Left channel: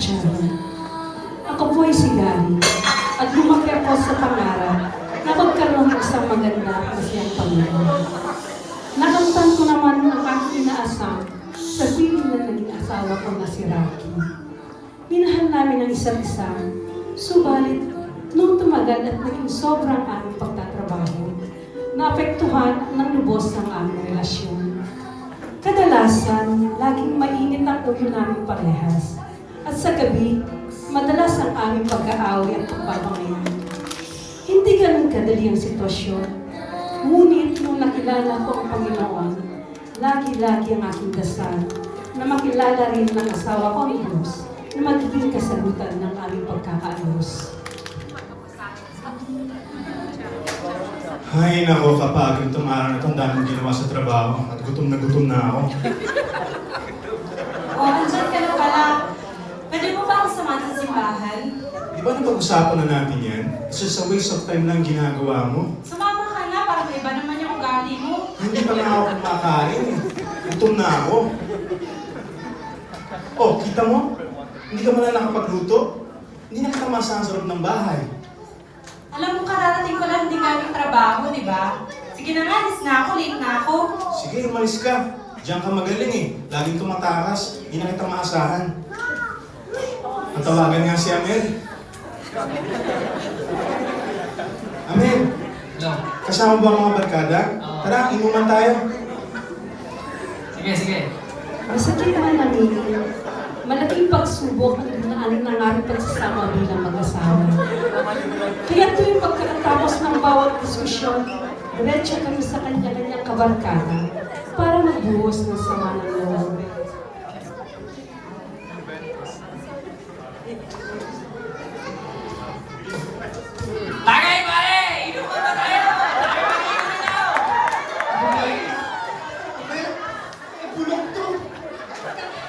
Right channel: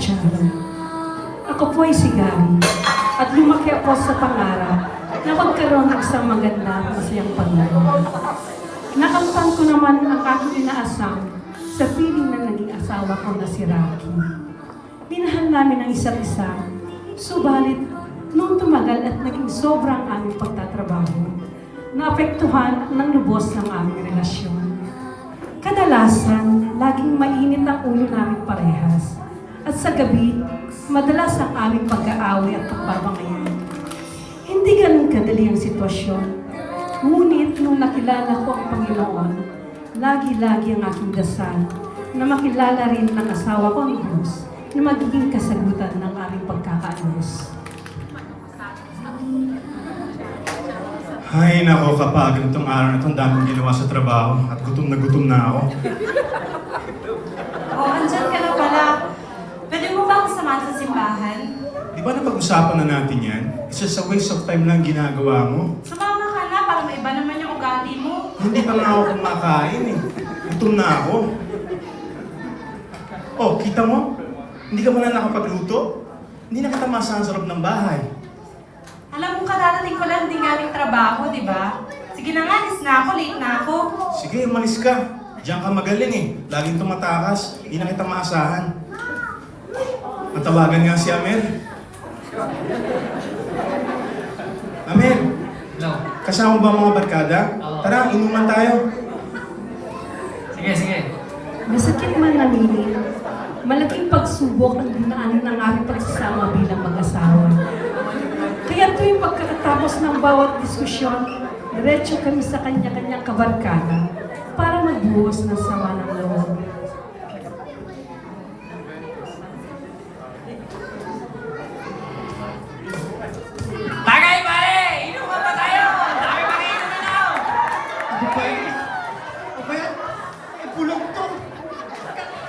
oportunidad. Ako po ay si Gary at lumaki ako sa pangarap na magkaroon ng isang maganda at masayang pamilya. Nakamtan ko naman ang aking inaasam sa piling na naging asawa ko na si Rocky. Minahal namin ang isa't isa, subalit nung tumagal at naging sobrang aming pagtatrabaho, naapektuhan ng lubos ng aming relasyon. Kadalasan, laging mainit ang ulo namin parehas. At sa gabi, madalas ang aming pag-aaway at pagbabangayan. Hindi ganun kadali ang sitwasyon. Ngunit nung nakilala ko ang Panginoon, lagi-lagi ang aking dasal na makilala rin ng asawa ko ang Diyos na magiging kasagutan ng aming pagkakaayos. Ay, nako, kapagod itong araw na itong daming ginawa sa trabaho at gutom na ako. Andyan ka na pala. Pwede mo ba akong samahan sa simbahan? Di ba napag-usapan na natin yan? It's just a waste of time lang ginagawa mo. Sumama ka na para may iba naman yung ugali mo. Hindi pa nga ako kumakain eh. Gutom na ako. Oh, kita mo? Hindi ka muna nakapagluto? Hindi na katamasan sa loob ng bahay. Alam mo, kararating ko lang din galing trabaho, di ba? Sige na nga, alis na ako, late na ako. Sige, umalis ka. Diyan ka magaling eh. Laging tumatakas. Hindi na kita maasahan. Natawagan nga si Amel. Amel, Hello. kasama ba ang mga barkada? Tara, inuman tayo. Sige, sige. Masakit man namin, malaking pagsubok ang dinaanan ng aming pagsasama bilang mag-asawa. Kaya tuwing pagkatapos ng bawat diskusyon, diretso kami sa kanya-kanyang kabarkada para magbuhos ng sama ng loob. Tagay, pare! Inuman pa tayo! Tayo pa kayo na! Abay, pulong to.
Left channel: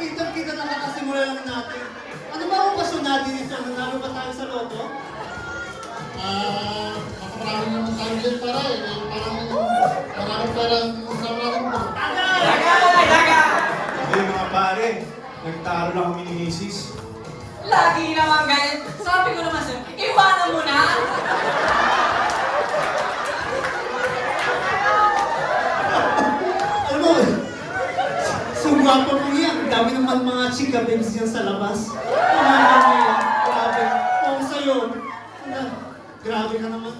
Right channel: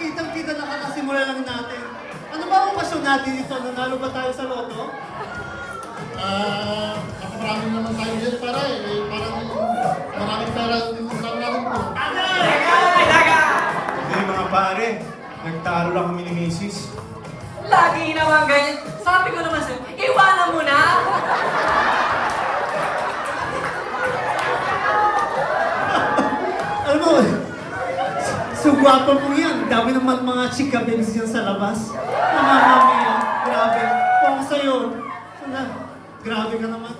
Kitang-kita na kakasimula lang natin. Ano ba ang pasyon natin ito? Nanalo ba tayo sa loto? Marami naman tayo ngayon, pare. Maraming parang nawalan mo. Hey mga pare, nagtalo lang kami ni Mrs. Lagi naman ganyan. Sabi ko naman sa'yo, iwanan mo na! Ano? So gwapo mo yan. Dami naman mga chika benz yan sa labas. Grabe. Oo sa'yo. Ano? Grabe ka naman.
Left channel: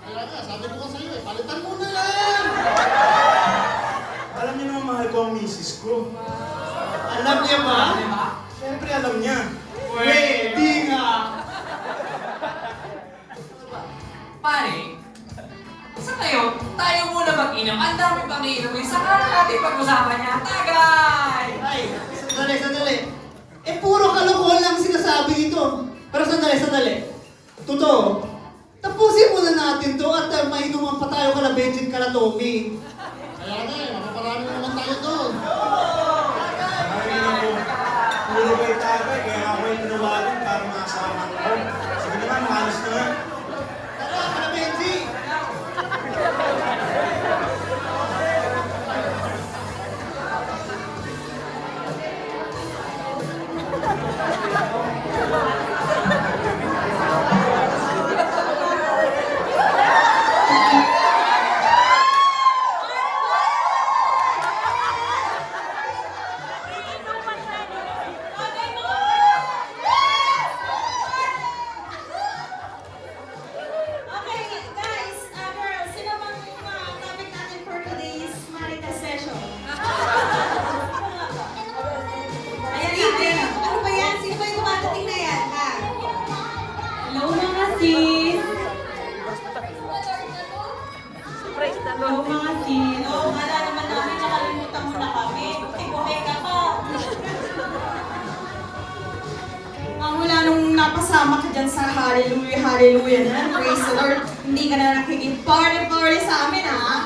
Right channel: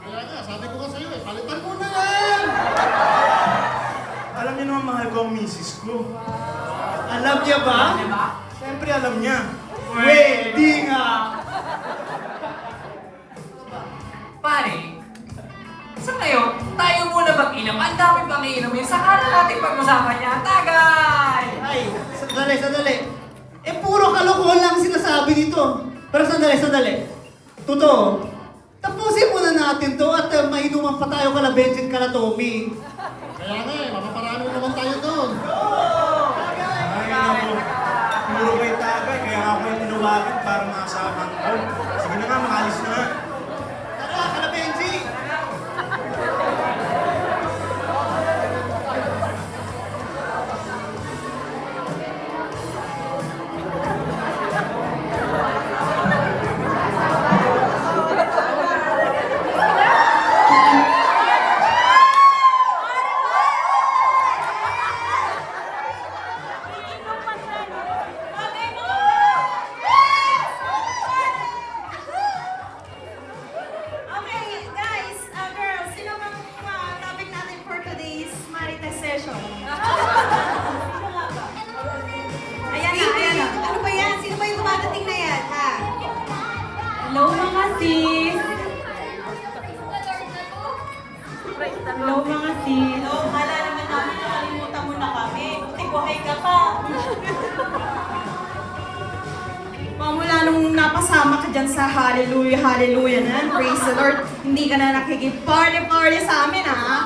Kaya nga, sabi ko ka sa'yo, palitan mo na lang! Alam niyo naman mahal ko ang Mrs. ko. Alam niya ba? Siyempre alam niya. Pwede nga. Pare, sa ngayon, tayo muna mag-inom. Ang dami pang iinumin. Saka na natin pag-usapan niya. Tagay! Ay, sandali. Eh, puro kalokohan lang sinasabi dito. Pero sandali. Totoo. Tapusin muna natin to at mainuman pa tayo kala Benjin kala Tommy. Kaya nga, makaparami naman tayo doon. Ay naku, puro kayo tagay, kaya ako kayo tinawagan para makasama ko. Sige na nga, maalis na nga. Tara, kala Benjin! Okay, guys, girls, sino bang topic natin for today's Marites session? Ayan na. Ano ba yan? Sino ba yung tumatating na yan, ha? Hello, mga sis! Hello, mga sis! Oh, kala naman namin nakalimutan mo na kami. Buti ka pa. Mula nung napasama ka dyan sa hallelujah na, praise the Lord, hindi ka na nakikip-party sa amin, ha?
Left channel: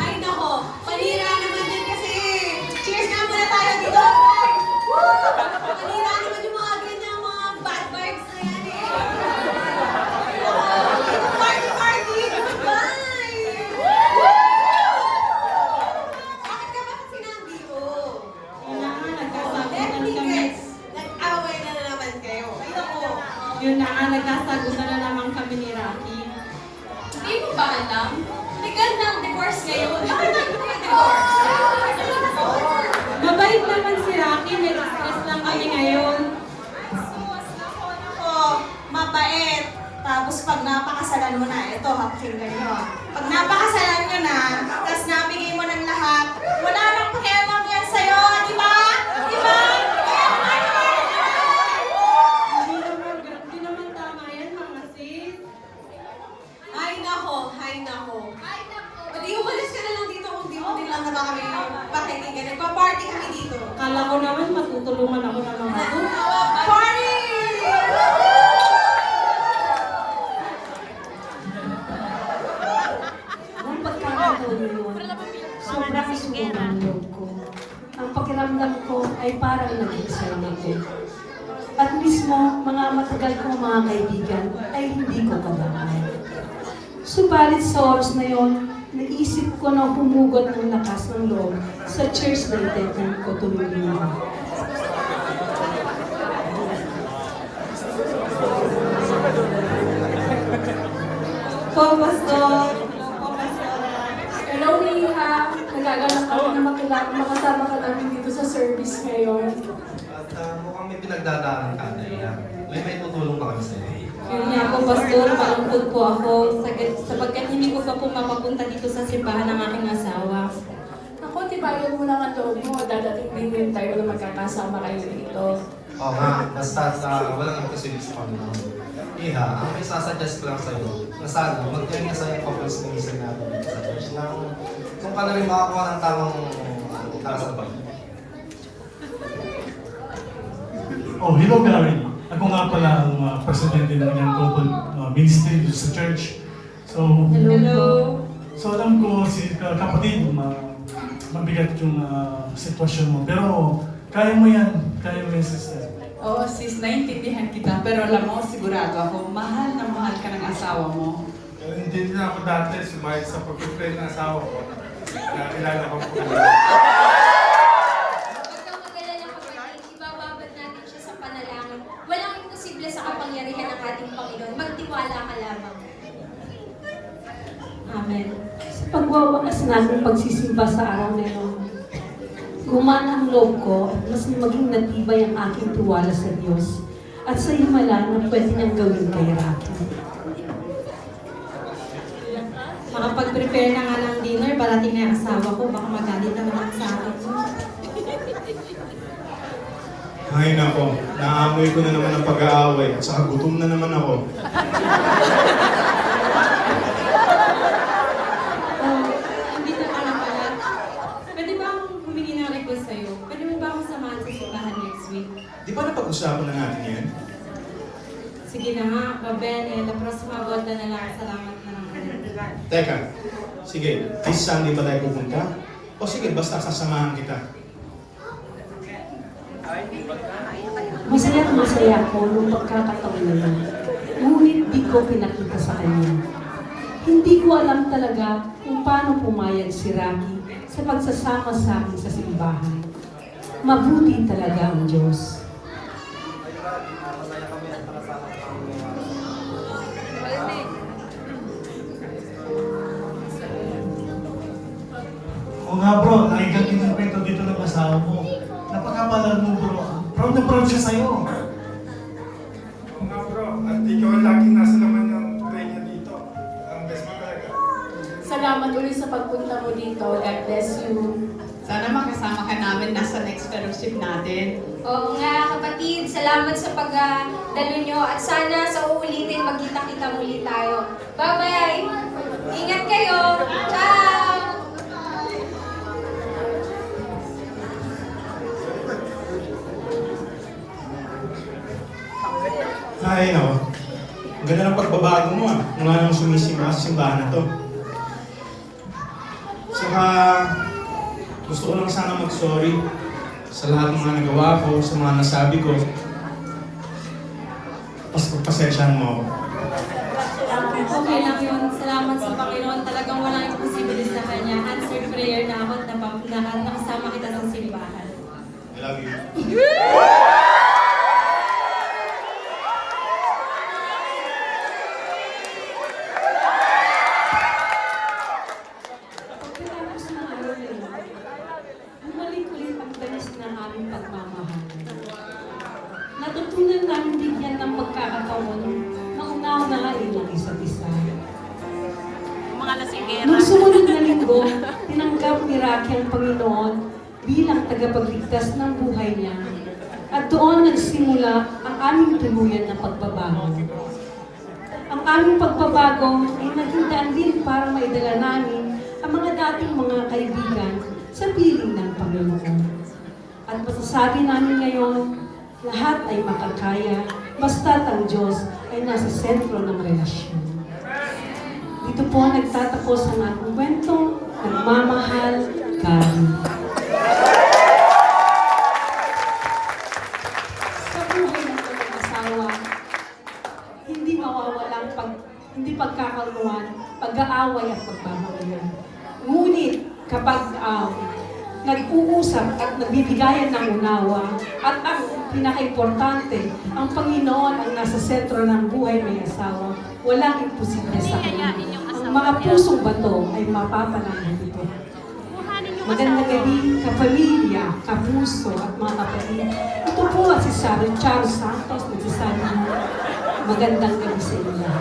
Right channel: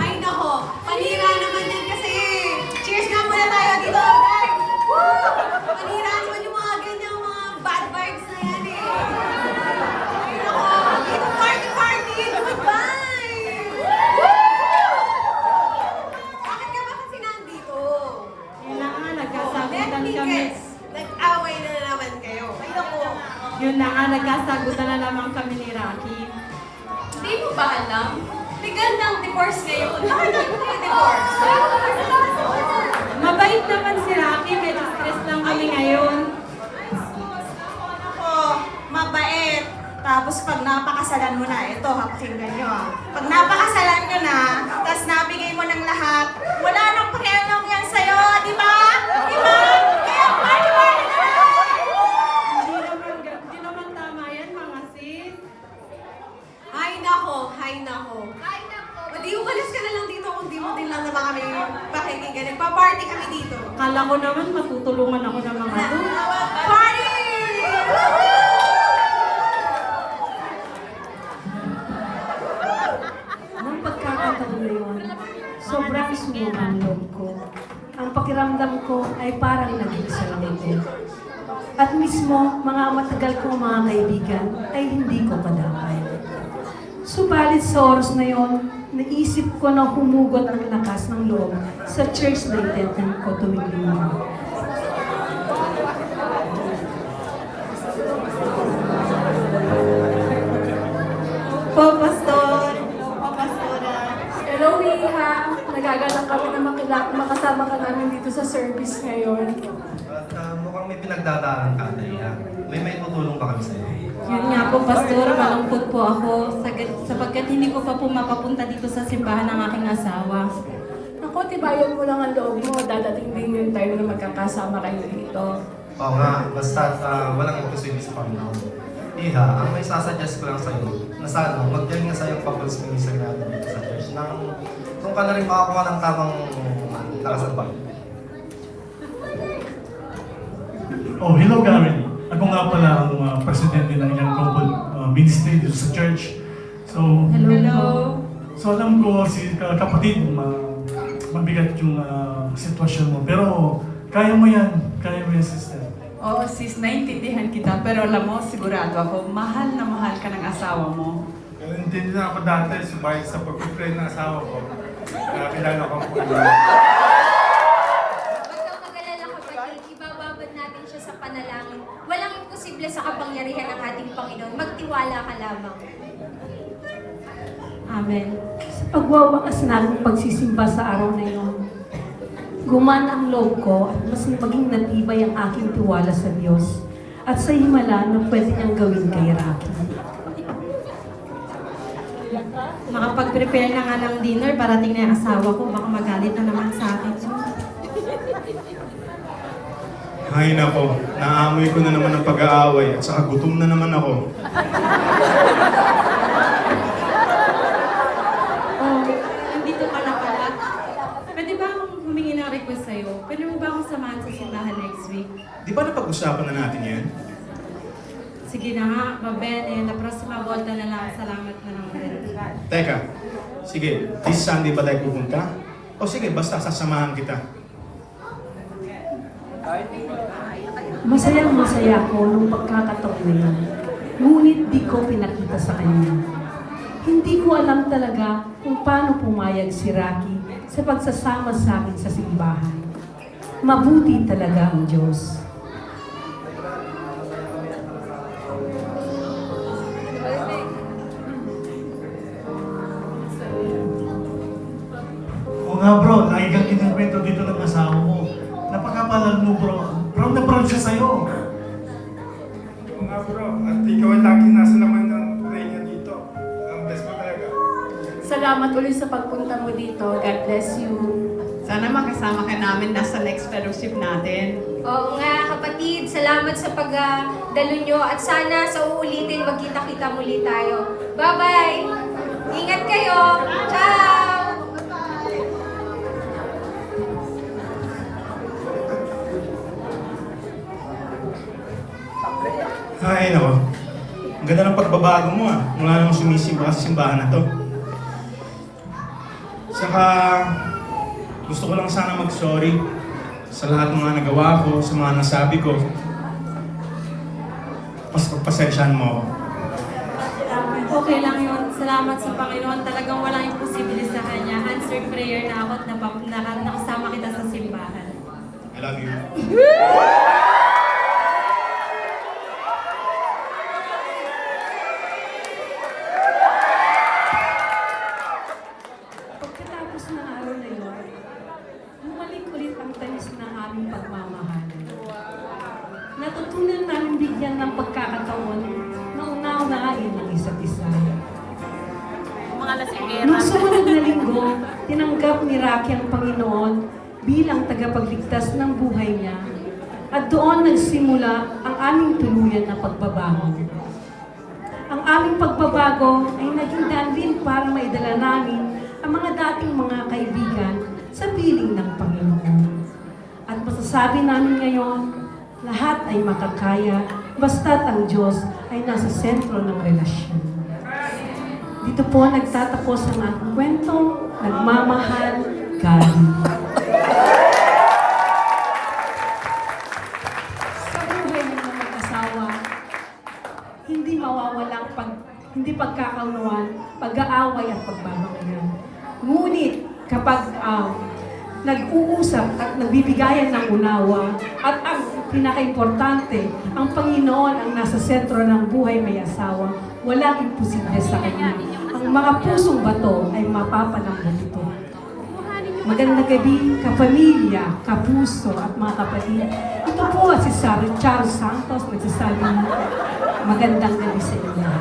Ay, nako, panira naman yan kasi. Cheers nga muna tayo dito, guys! Panira naman yung mga ganyan, mga bad vibes na yan, eh. Party! Goodbye! Bakit ka ba kasi nandito? Kailangan Yun na nga, nagkasagutan na naman kami ni Rocky. Hindi mo ba alam? Legal ng divorce ngayon. Bakit tayo divorce? Mabait naman si Rocky, may stress lang kami ngayon. Ako, mabait. Tapos pag napakasalan mo na, ito, pakinggan nyo. Pag napakasalan nyo na, tapos nabigay mo ng lahat, wala nang pakialam yan sa'yo, di ba? Di ba? Kaya paniwala na lang! Hindi naman tama yan, mga sis. Ay nako, ay nako. O di umalis ka na lang dito kung di mo din lang naman kami pakikinggan. Nagpa-party kami dito. Kala ko naman matutulungan ako ng mga to. Party! Nung pagkakataon na yun, sobrang sunog ang loob ko. Ang pakiramdam ko ay parang nag-iisay ako. At mismo, mga matagal kong mga kaibigan ay hindi ko kadamay. Subalit sa oras na yun, naisip ko na humugot ng lakas ng loob sa church na attendant ko tuwing linggo. Po, Pastor. Po, Pastora. Hello, Hiha! Nagagalak kami na makasama ka namin dito sa service ngayon. At mukhang may pinagdadaanan ka, Andrea. May tutulong ba kami sa'yo? Yun nga po, Pastor, malungkot po ako sapagkat hindi ko pa po mapapunta dito sa simbahan ng aking asawa. Ako, tibayan mo lang ang loob mo. Dadating din tayo na magkakasama kayo dito. Oo nga, basta walang imposible sa Panginoon. Iha, ang may sasuggest ko lang sa'yo, na sana, magdiyan nga sa'yo papulos ng isang natin sa church nang kung ka na rin makakuha ng tamang karasal pa. Oh, hello Gary. Ako nga pala ang presidente ng Young Couple Ministry dito sa church. So, Hello. so alam ko si kapatid, mabigat yung sitwasyon mo. Pero kaya mo yan sister. Oo, sis, naintindihan kita. Pero alam mo, sigurado ako, mahal na mahal ka ng asawa mo. Hindi na ako dati sumayo sa pag-pray ng asawa ko. Kaya kilala ko po. Huwag kang mag-alala kapatid, ibababad natin siya sa panalangin. Walang imposible sa kapangyarihan ng ating Panginoon. Magtiwala ka lamang. Amen. Sa pagwawakas namin pagsisimba sa araw na yun, gumana ang loob ko at mas maging natibay ang aking tiwala sa Diyos at sa himala na pwede niyang gawin kay Rocky. Nakapag-prepare na nga ng dinner, parating na yung asawa ko, baka magalit na naman sa akin. Ay nako, naamoy ko na naman ang pag-aaway at saka gutom na naman ako. Hindi ko alam pala. Pwede ba akong humingi ng request sa'yo? Pwede mo ba akong samahan sa simbahan next week? Di ba napag-usapan na natin yan? Sige na nga, mabene. La próxima vuelta na lang. Salamat na lang rin. Teka, sige, this Sunday ba tayo pupunta? O sige, basta sasamahan kita. Masaya ako nung pagkakataon na yun. Ngunit di ko pinakita sa kanya. Hindi ko alam talaga kung paano pumayag si Rocky sa pagsasama sa akin sa simbahan. Mabuti talaga ang Diyos. Oo nga bro, lagi kang kinikwento dito ng asawa mo. Napakapalag mo bro. Proud na proud siya sa'yo. Oo nga bro, at ikaw ang lagi nasa laman ng pray niya dito. Ang best mo talaga. Salamat ulit sa pagpunta mo dito. God bless you. Sana makasama ka namin nasa next fellowship natin. Oo nga kapatid, salamat sa pagdalo nyo at sana sa uulitin magkita-kita muli tayo. Bye-bye! Ingat kayo! Ciao! Ay nako, ang ganda ng pagbabago mo ah. Mula nang sumisimba ka sa simbahan na to. Saka, gusto ko lang sana mag-sorry sa lahat ng mga nagawa ko, sa mga nasabi ko. Pagpasensyahan mo ako. Okay lang yun. Salamat sa Panginoon. Talagang walang imposible sa Kanya. Answered prayer na ako at nakasama kita sa simbahan. I love you. Natutunan namin bigyan ng pagkakataon na unaw-unahin ang isa't isa. Nung sumunod na linggo, tinanggap ni Rocky ang Panginoon bilang tagapagligtas ng buhay niya. At doon nagsimula ang aming tuluyan na pagbabago. Ang aming pagbabago ay naging daan din para maidala namin ang mga dating mga kaibigan sa piling ng Panginoon. At masasabi namin ngayon, lahat ay makakaya basta't ang Diyos ay nasa sentro ng relasyon. Dito po nagtatapos ang aking kwento, nagmamahal, Gabi. Sa buhay ng mga asawa, hindi mawawalang hindi pagkakaluan, pag-aaway at pagbabawalan. Ngunit kapag nag-uusap at nagbibigayan ng unawa at ang pinaka-importante, ang Panginoon ang nasa sentro ng buhay may asawa, walang imposible sa kanya. Ang mga pusong bato ay mapapalangin ito. Magandang gabi, kapamilya, kapuso at mga kapatid. Ito po si Charles Santos, nagsasabi magandang gabi sa inyo.